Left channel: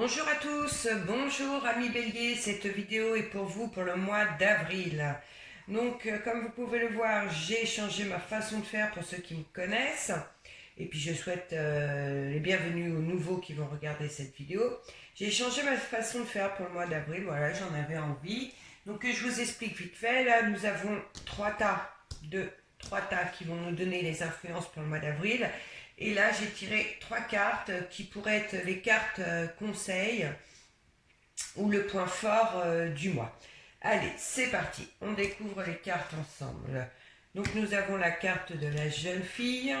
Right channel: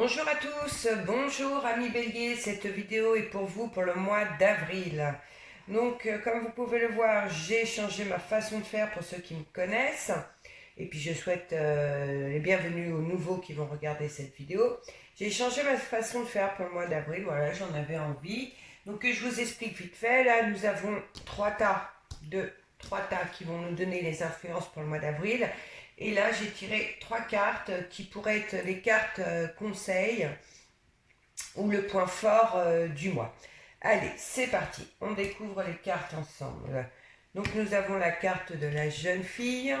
Bonjour à tous, bonjour amis bélier, cette vidéo est pour vous pour le mois d'avril. Donc comme vous pouvez le voir, j'ai changé ma façon de faire pour ceux qui me connaissent. Et puis je souhaite les bienvenus aux nouveaux qui vont regarder cette vidéo. J'ai changé ma façon de faire pour le mois d'avril, voilà, j'en avais envie. Donc je vous explique vite fait, là nous avons trois tas qui vont nous donner les influences pour le mois d'avril. Et là, j'ai tiré trois cartes qui pourraient être les cartes conseils ou le point fort du mois. Allez, c'est parti. On découvre les cartes ensemble. Donc, nous avons la carte de la jeune fille.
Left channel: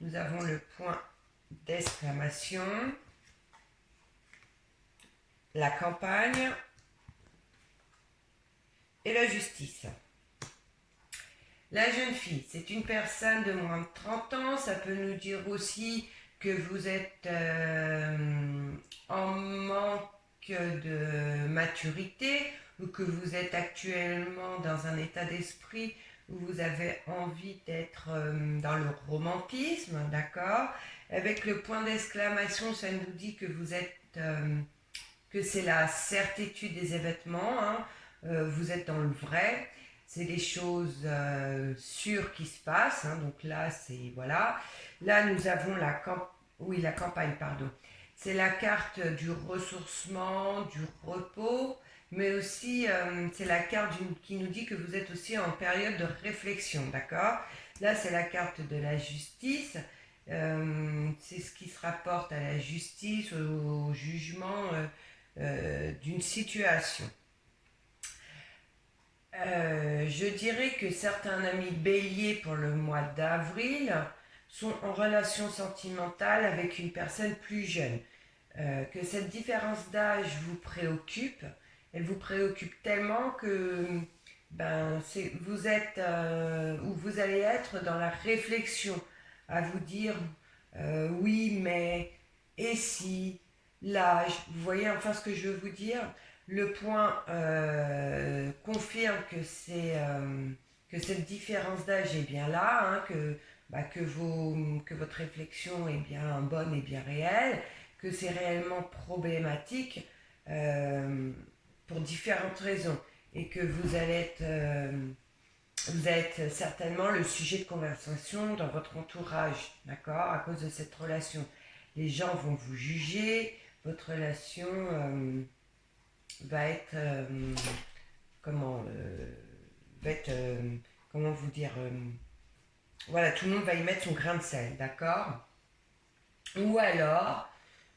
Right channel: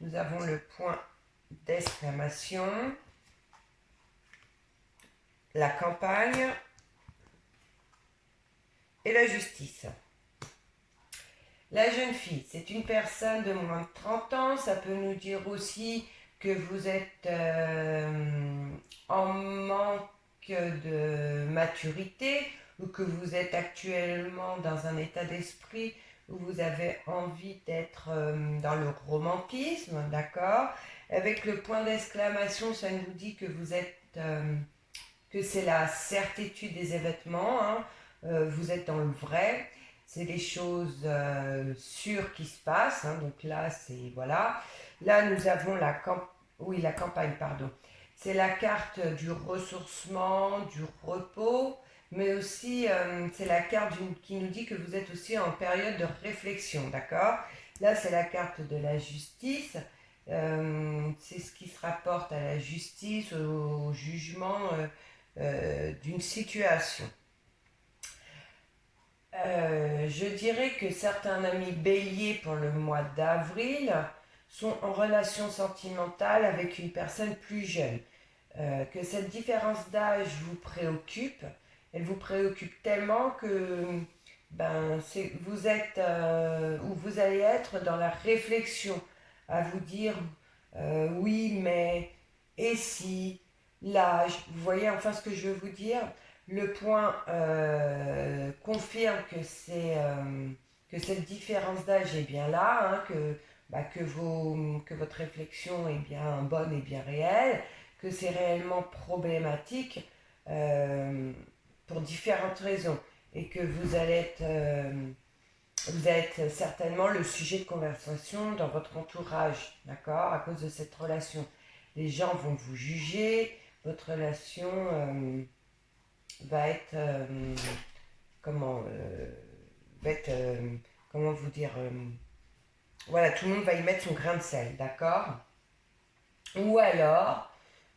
Nous avons le point d'exclamation. La campagne. Et la justice. La jeune fille, c'est une personne de moins de 30 ans. Ça peut nous dire aussi que vous êtes en manque de maturité ou que vous êtes actuellement dans un état d'esprit où vous avez envie d'être dans le romantisme, d'accord? Avec le point d'exclamation, ça nous dit que vous êtes que c'est la certitude des événements, hein. Vous êtes dans le vrai, c'est les choses sûres qui se passent, hein. Donc là, c'est voilà. Là, nous avons la campagne, pardon. C'est la carte du ressourcement, du repos, mais aussi c'est la carte qui nous dit que vous êtes aussi en période de réflexion, d'accord? Là, c'est la carte de la justice. C'est ce qui se rapporte à la justice, au jugement d'une situation. Je dirais que certains amis béliers pour le mois d'avril sont en relation sentimentale avec une personne plus jeune. Que cette différence d'âge vous préoccupe, elle vous préoccupe tellement que vous êtes ou vous allez être dans la réflexion à vous dire oui mais et si l'âge, vous voyez enfin ce que je veux vous dire. Le point confirme que cette différence d'âge est bien là, hein, que votre réflexion est bien bonne et bien réelle, que c'est réellement problématique pour différentes raisons et que vous êtes certainement le sujet de conversation dans votre entourage, d'accord, à cause de cette relation. Les gens vont vous juger, votre relation va être comment va être comment vous dire voilà, tout le monde va y mettre son grain de sel, d'accord? Ou alors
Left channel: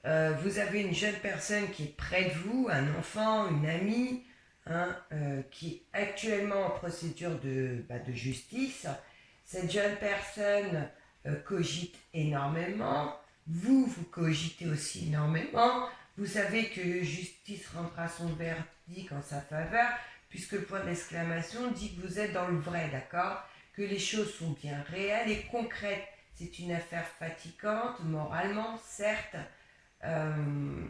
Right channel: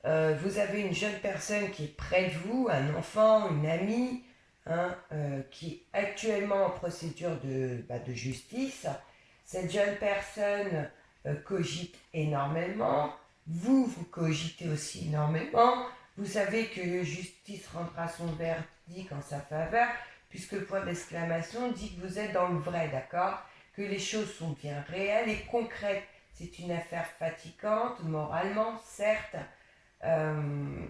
vous avez une jeune personne qui est près de vous, un enfant, une amie, hein, qui est actuellement en procédure de justice. Cette jeune personne cogite énormément, vous cogitez aussi énormément. Vous savez que justice rendra son verdict en sa faveur, puisque le point d'exclamation dit que vous êtes dans le vrai, d'accord? Que les choses sont bien réelles et concrètes. C'est une affaire fatigante, moralement, certes. Euh,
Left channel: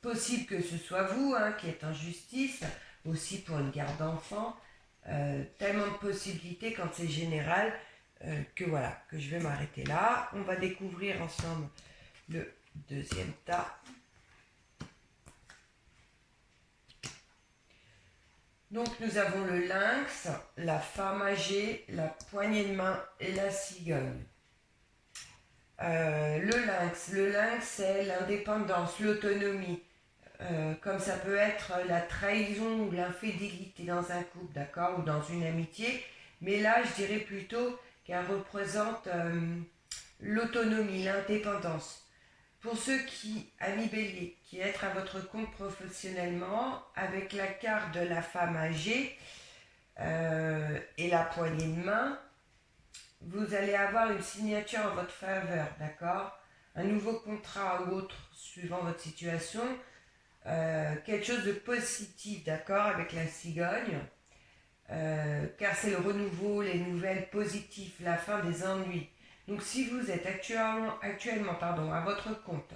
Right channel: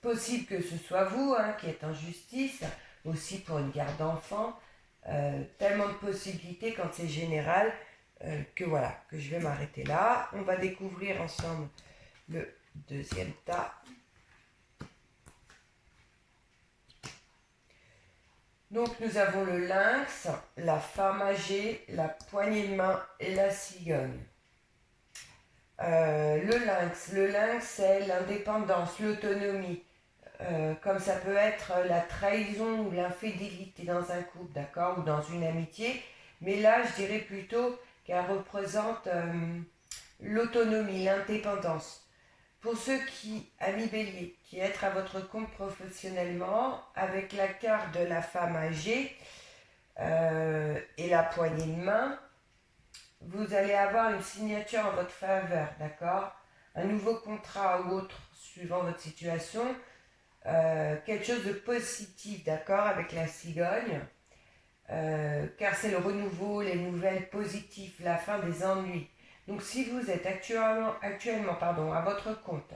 Possible que ce soit vous hein, qui êtes en justice, aussi pour une garde d'enfants. Tellement de possibilités quand c'est général que voilà, que je vais m'arrêter là. On va découvrir ensemble le deuxième tas. Donc nous avons le lynx, la femme âgée, la poignée de main et la cigogne. Le lynx, c'est l'indépendance, l'autonomie. Comme ça peut être la trahison ou l'infidélité dans un couple, d'accord, ou dans une amitié. Mais là, je dirais plutôt qu'elle représente l'autonomie, l'indépendance. Pour ceux qui, amis bélier, qui être à votre compte professionnellement, avec la carte de la femme âgée et la poignée de main, vous allez avoir une signature en votre faveur, d'accord? Un nouveau contrat ou autre, suivant votre situation. Quelque chose de positif, d'accord, avec la cigogne. Car c'est le renouveau, les nouvelles positives, la fin des ennuis. Donc si vous êtes actuellement à votre compte,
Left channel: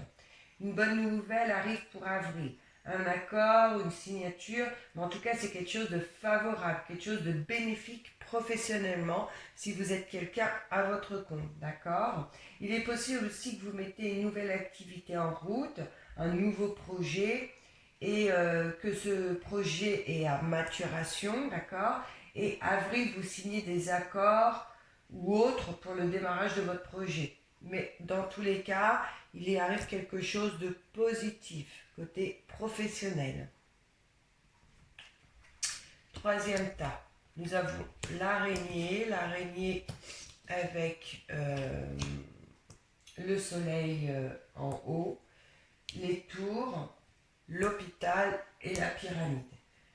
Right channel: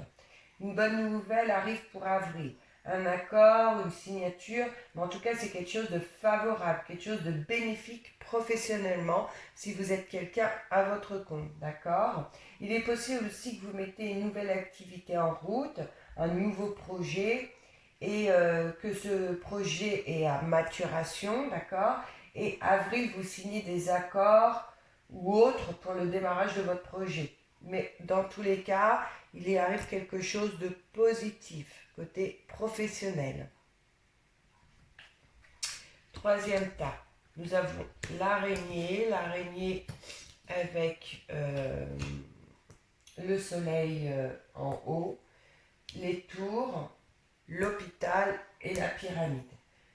une bonne nouvelle arrive pour avril. Un accord, une signature, mais en tout cas c'est quelque chose de favorable, quelque chose de bénéfique professionnellement si vous êtes quelqu'un à votre compte, d'accord? Il est possible aussi que vous mettez une nouvelle activité en route, un nouveau projet et que ce projet est à maturation, d'accord? Et avril, vous signez des accords ou autres pour le démarrage de votre projet. Mais dans tous les cas, il y arrive quelque chose de positif côté professionnel. Troisième tas, nous avons l'araignée avec le soleil en haut, les tours, l'hôpital et la pyramide.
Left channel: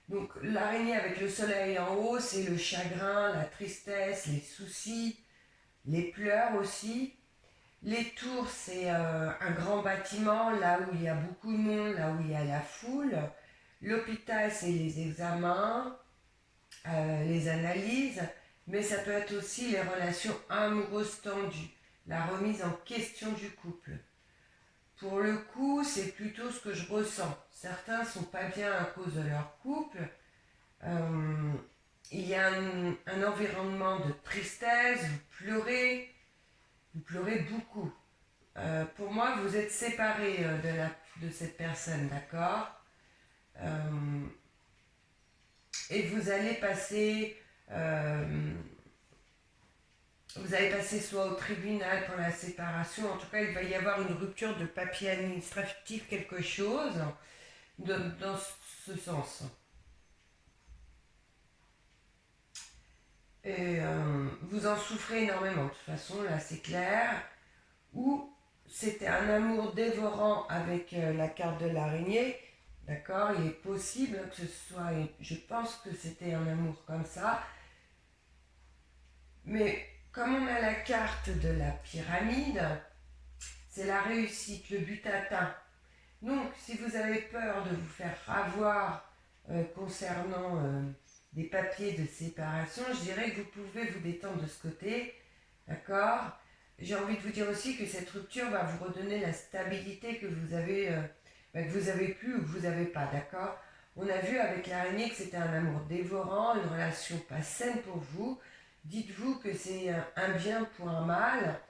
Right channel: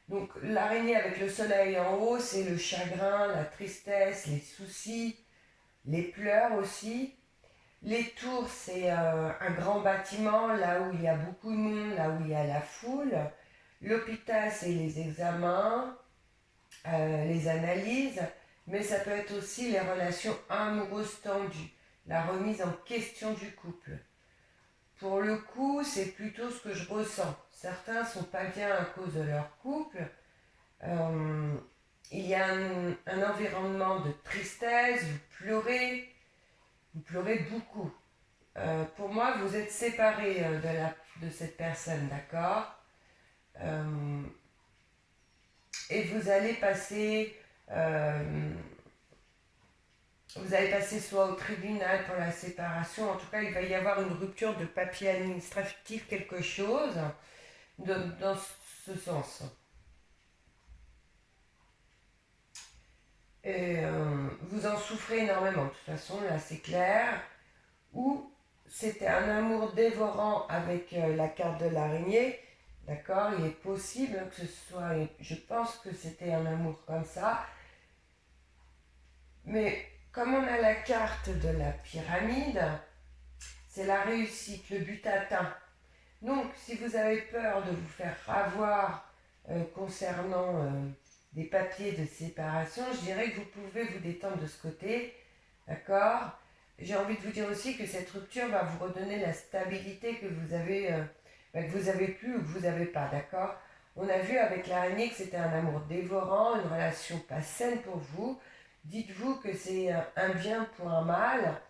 Donc l'araignée avec le soleil en haut, c'est le chagrin, la tristesse, les soucis, les pleurs aussi. Les tours, c'est un grand bâtiment, là où il y a beaucoup de monde, là où il y a la foule. L'hôpital, c'est les examens, les analyses, mais ça peut être aussi les relations amoureuses tendues, la remise en question du couple. Pour le coup, c'est plutôt ce que je ressens. Certains sont pas bien à cause de leur couple. Il y a un environnement de tristesse, vous pleurez beaucoup. Pour moi, vous êtes séparés de cette personne, d'accord? Et vous allez passer soit au tribunal pour la séparation, en tout cas, il va y avoir une rupture de papier administratif, quelque chose, dans ce sens. Et vous en souffrez énormément, de toute façon, là c'est clair. Ou c'était un amour dévorant avec la carte de l'araignée, d'accord? Il est possible que ce soit, je pense que c'était un amour comme ça, mais comme on a la carte de la pyramide, c'est la réussite, le but atteint. Donc, si vous avez peur de vous faire avoir concernant des papiers de séparation, je dirais que vous pouvez vous détendre de ce côté, d'accord? J'ai envie de vous dire aussi que cette rupture va vous redonner la stabilité que vous avez plus ou que vous n'avez pas, d'accord? On a vu avec l'araignée que c'était un amour dévorant, une relation pas saine pour vous. Dites-vous que c'est un bien pour un mal.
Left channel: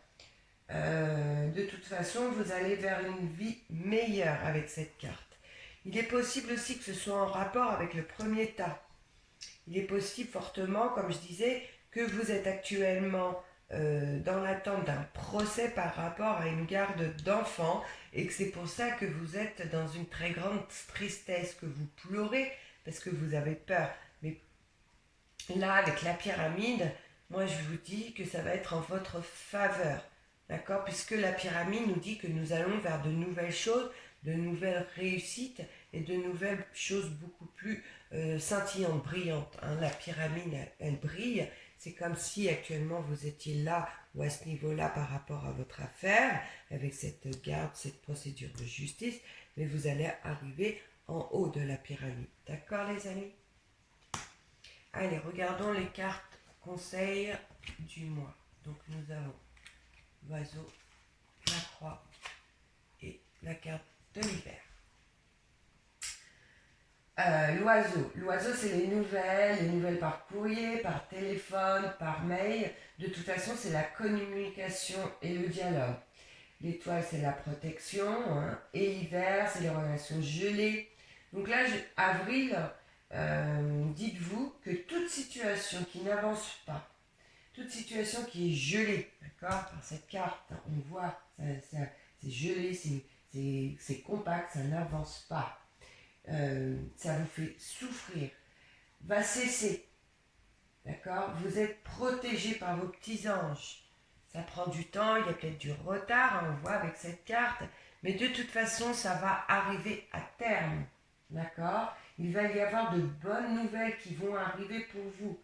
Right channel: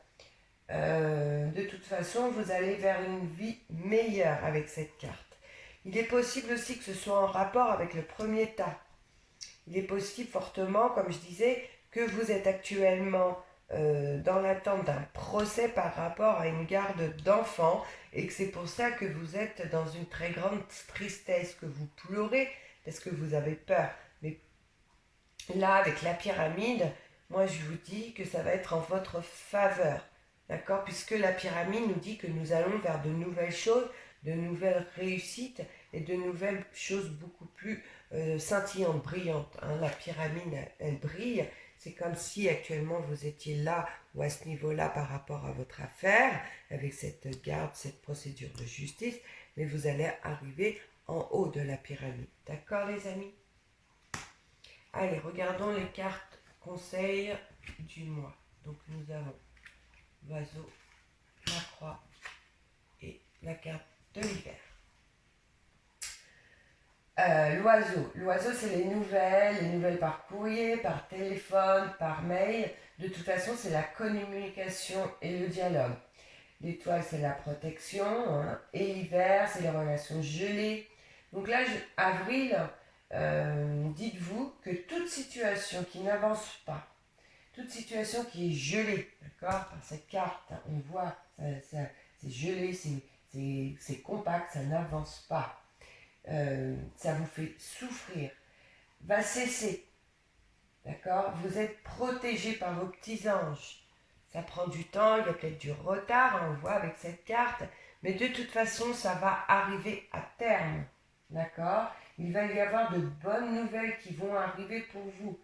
De toute façon, vous allez vers une vie meilleure avec cette carte. Il est possible aussi que ce soit en rapport avec le premier tas. Il est possible fortement, comme je disais, que vous êtes actuellement dans l'attente d'un procès par rapport à une garde d'enfants et que c'est pour ça que vous êtes dans une très grande tristesse, que vous pleurez parce que vous avez peur. Mais là, avec la pyramide, moi je vous dis que ça va être en votre faveur. D'accord? Puisque la pyramide nous dit que nous allons vers de nouvelles choses, de nouvelles réussites et de nouvelles choses beaucoup plus scintillantes, brillantes. Hein. La pyramide, elle brille. C'est comme si actuellement vous étiez là ou à ce niveau-là par rapport à votre affaire, avec cette garde, cette procédure de justice, mais vous allez arriver en haut de la pyramide. D'accord les amis? Allez, regardons les cartes conseils du mois. Donc nous avons l'oiseau, la croix et la carte de l'hiver. L'oiseau, c'est les nouvelles par courrier, par téléphone, par mail. De toute façon, c'est la communication et le dialogue. L'étoile, c'est la protection. Hein, et l'hiver, c'est les relations gelées. Donc là, avril, dites-vous que toute situation qui n'avance pas, toute situation qui est gelée, d'accord, par cette carte, on voit, c'est gelé, c'est compact, ça n'avance pas. Ça vous fait souffrir, va cesser, d'accord? Vous êtes protégé par vos petits anges. Ça prend du temps, il y a peut-être du retard, hein, on voit avec cette carte, mais de toute façon, ça va arriver à terme, d'accord? Il va y avoir de bonnes nouvelles qui vont arriver pour vous.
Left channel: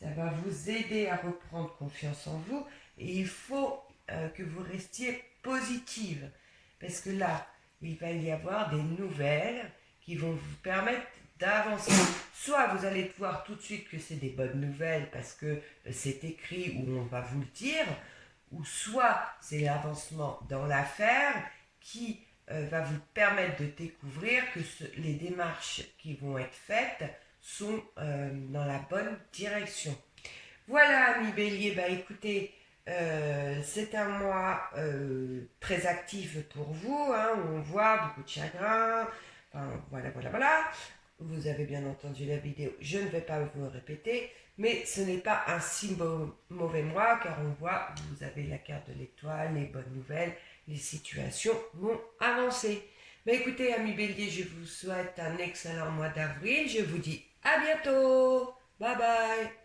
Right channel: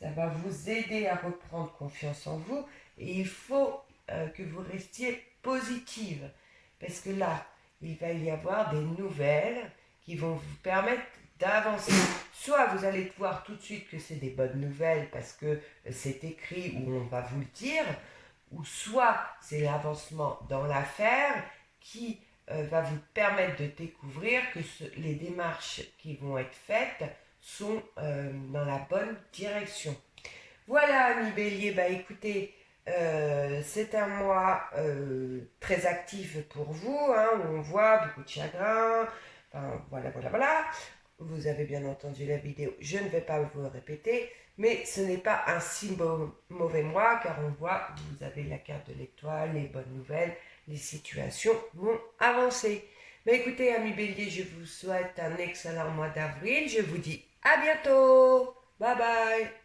Ça va vous aider à reprendre confiance en vous et il faut que vous restiez positive, parce que là, il va y avoir des nouvelles qui vont vous permettre d'avancer. Soit vous allez voir tout de suite que c'est des bonnes nouvelles parce que c'est écrit ou on va vous le dire, ou soit c'est l'avancement dans l'affaire qui va vous permettre de découvrir que les démarches qui vont être faites sont dans la bonne direction. Voilà, amis Bélier, écoutez, C'est un mois très actif pour vous, hein, où on voit beaucoup de chagrin. Enfin, voilà, voilà, voilà. Vous avez bien entendu la vidéo, je ne vais pas vous le répéter, mais ce n'est pas un si mauvais mois, car on voit, vous avez la carte de l'étoile, les bonnes nouvelles, les situations vont avancer. Mais écoutez, amis béliers, je vous souhaite un excellent mois d'avril. Je vous dis à bientôt. Bye bye.